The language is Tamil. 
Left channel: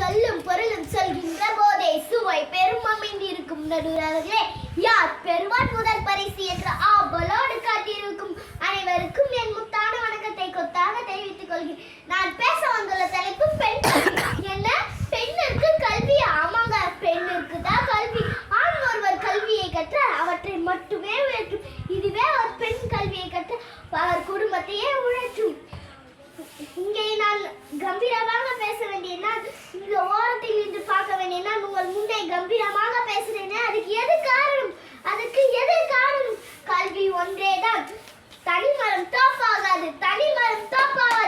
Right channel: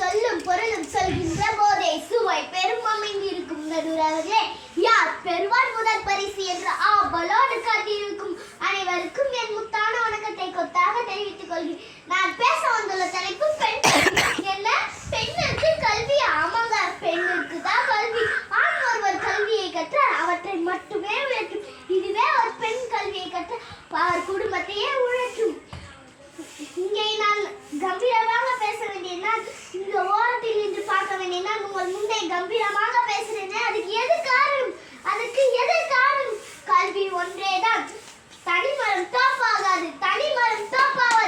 சொல்லும் பொருளும் சொல்கின்ற போதே சுவை பெரும் அமைந்திருக்கும் நடுவர்களே. யார் பெறுவார் முதல் பரிசு என்று ஆவலோடு காத்திருக்கும் அனைவருக்கும் என் முத்தான வணக்கத்தை கொத்தாக தெரிவித்துக் கொள்கிறேன். நான் பேச வந்துள்ள தலைப்பு பெண் என்ன. பெண்ணுக்கு கல்வி. ஆமாங்க, பெண்ணுக்கு தான் கல்வி. ஆண் ஒருவர் கல்வியை கற்ற அவற்றை மட்டுமே உழைக்கும். இதுவே ஒரு பெண் கல்வியை கற்ற அவர் குடும்பத்தையே உழைக்கும். இங்கே நான் கம்பீரமாக பேச வேண்டிய, இந்த ஓரத்தில் இன்று பார்க்க வேண்டிய, உங்கள் முன்னே கம்பீரமாக பேசுறேன். அதுக்கு எது காரணம்? கல்வி ஒன்றேதான். தனிமரம் தோப்பாகாது. தனிமரம் தோப்பாகாது.